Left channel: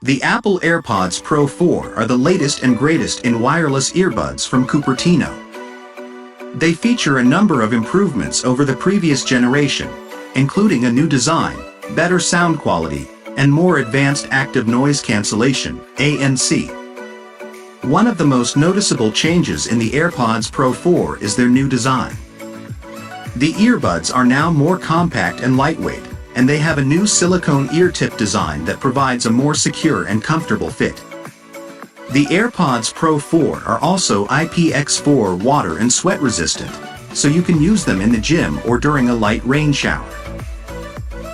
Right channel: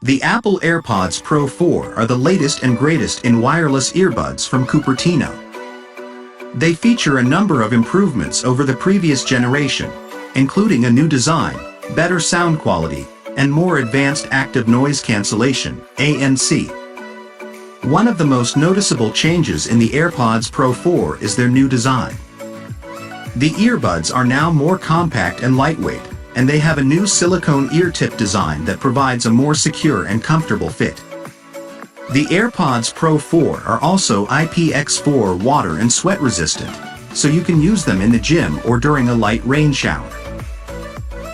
The Apple AirPods Pro 4 are the latest and greatest in wireless earbuds from Cupertino. They feature a number of improvements over the previous generation, including a new design, better sound quality, and more advanced active noise cancellation, ANC. One of the most noticeable changes in the AirPods Pro 4 is their new design. The earbuds are now more compact and lightweight, and they have a new silicone ear tip design that provides a more secure and comfortable fit. The AirPods Pro 4 are also IPX4 water and sweat resistant, so you can use them in the gym or during a light rain shower.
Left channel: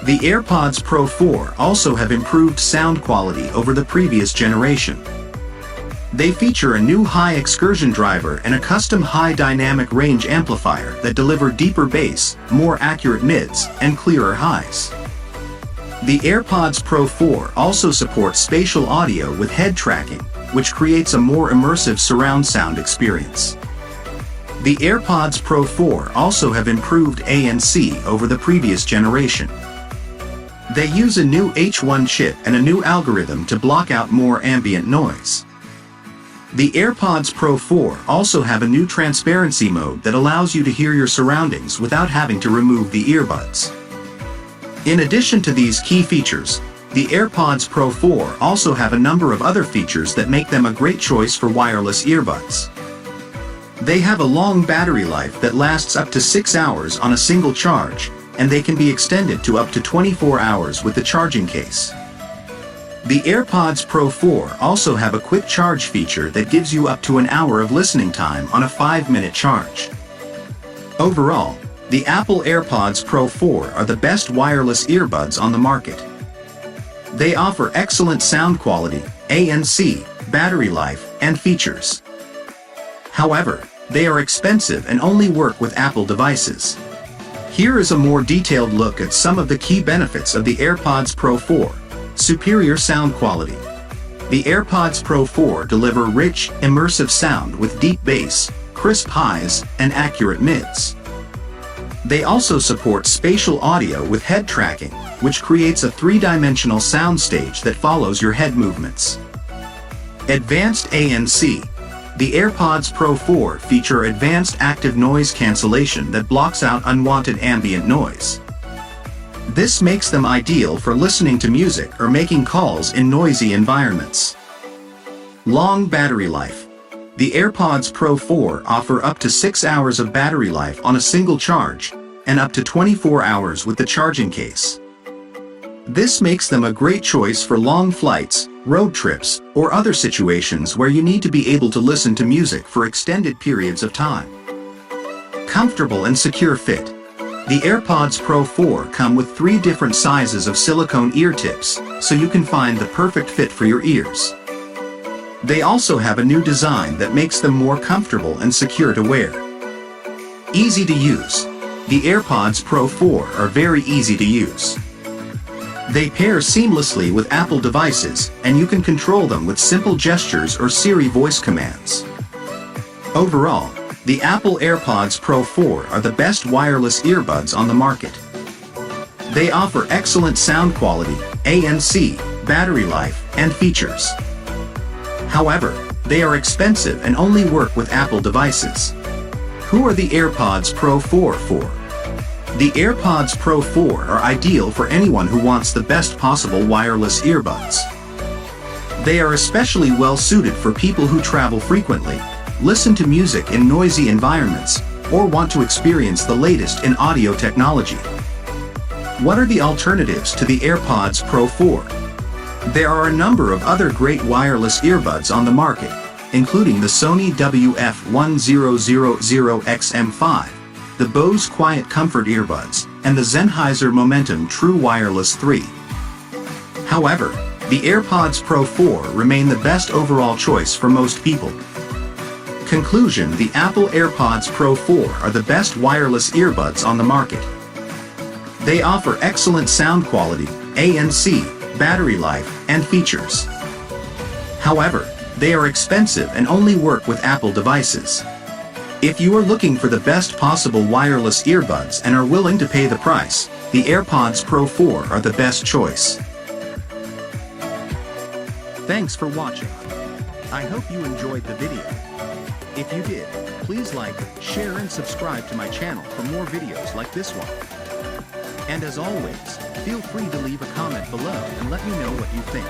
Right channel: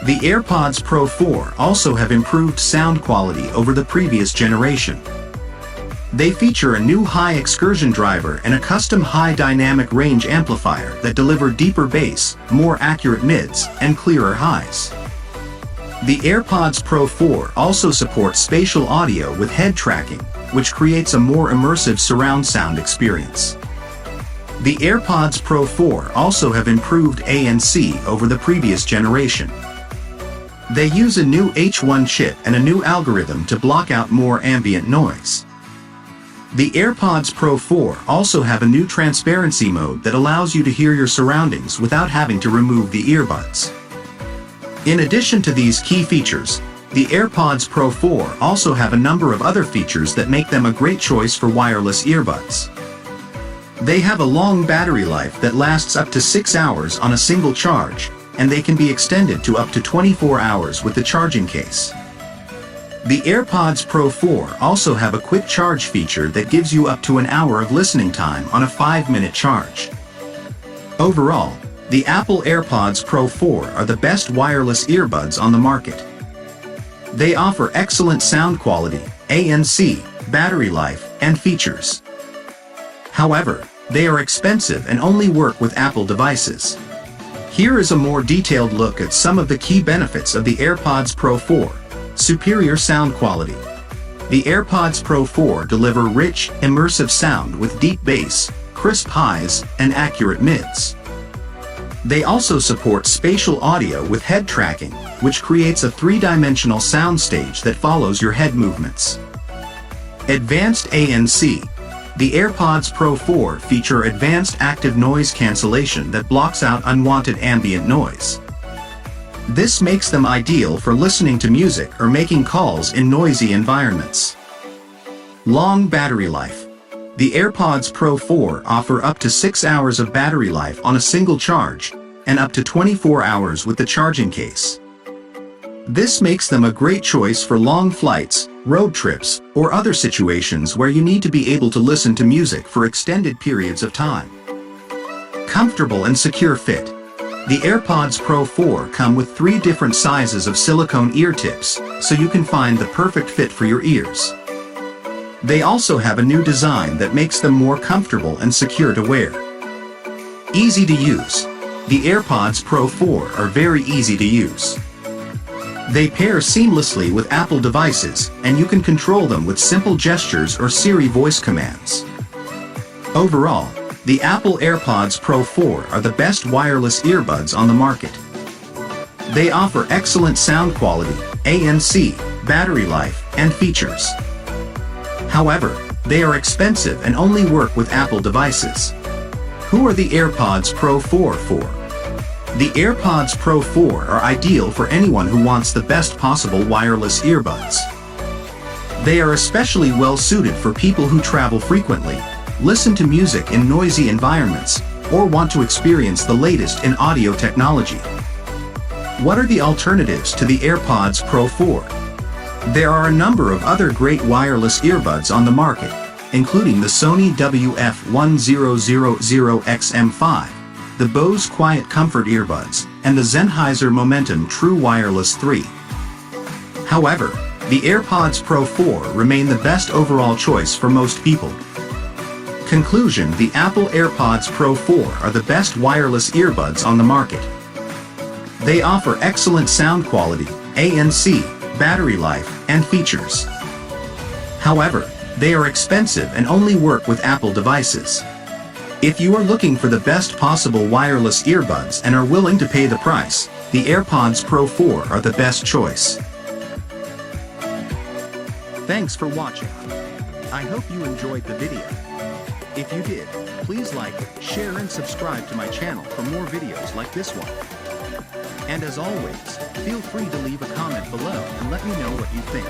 The AirPods Pro 4 also have improved sound quality over the previous generation. They feature a new high excursion driver and a custom high dynamic range amplifier that deliver deeper bass, more accurate mids, and clearer highs. The AirPods Pro 4 also supports spatial audio with head tracking, which creates a more immersive surround sound experience. The AirPods Pro 4 also have improved ANC over the previous generation. They use a new H1 chip and a new algorithm to block out more ambient noise. The AirPods Pro 4 also have a new transparency mode that allows you to hear your surroundings without having to remove the earbuds. In addition to these key features, the AirPods Pro 4 also have a number of other features that make them a great choice for wireless earbuds. They have a long battery life that lasts up to 6 hours on a single charge, and they can be extended to up to 24 hours with the charging case. The AirPods Pro 4 also have a quick charge feature that gives you up to an hour of listening time on a 5-minute charge. Overall, the Apple AirPods Pro 4 are the best wireless earbuds on the market. They offer excellent sound quality, ANC, battery life, and features. However, they are expensive and only work with Apple devices. Here is a more detailed look at some of the key benefits of the AirPods Pro 4. Superior sound quality. The AirPods Pro 4 deliver rich, immersive sound with deep bass, crisp highs, and accurate mids. They also support spatial audio with head tracking, which creates a 3-dimensional soundstage that follows your head movements. Advanced ANC. The AirPods Pro 4 feature advanced active noise cancellation that blocks out unwanted ambient noise. This makes them ideal for listening to music or making calls in noisy environments. Long battery life. The AirPods Pro 4 offer up to 6 hours of battery life on a single charge, and up to 24 hours with the charging case. This makes them a great choice for long flights, road trips, or other situations where you need to be able to listen to music for extended periods of time. Comfortable and secure fit. The AirPods Pro 4 come with 3 different sizes of silicone ear tips, so you can find the perfect fit for your ears. They also have a new design that makes them more comfortable and secure to wear. Easy to use. The AirPods Pro 4 are very easy to use. They pair seamlessly with Apple devices, and you can control them with simple gestures or Siri voice commands. Overall, the Apple AirPods Pro 4 are the best wireless earbuds on the market. They offer excellent sound quality, ANC, battery life, and features. However, they are expensive and only work with Apple devices. Who are the AirPods Pro 4 for? The AirPods Pro 4 are ideal for anyone who wants the best possible wireless earbuds. They are especially well suited for people who travel frequently, listen to music in noisy environments, or want to experience the latest in audio technology. What are the alternatives to the AirPods Pro 4? There are a number of other great wireless earbuds on the market, including the Sony WF-1000XM5, the Bose Quiet Comfort earbuds, and the Sennheiser Momentum True Wireless 3. However, the AirPods Pro 4 remain the best overall choice for most people. Conclusion: the Apple AirPods Pro 4 are the best wireless earbuds on the market. They offer excellent sound quality, ANC, battery life, and features. However, they are expensive and only work with Apple devices. If you are looking for the best possible wireless earbuds and are willing to pay the price, the AirPods Pro 4 are the best choice. Thanks for watching. I hope you enjoyed the video. If you did, please like, share and subscribe to my channel for more videos like this one. And as always, feel free to leave a comment below and let me know what you think.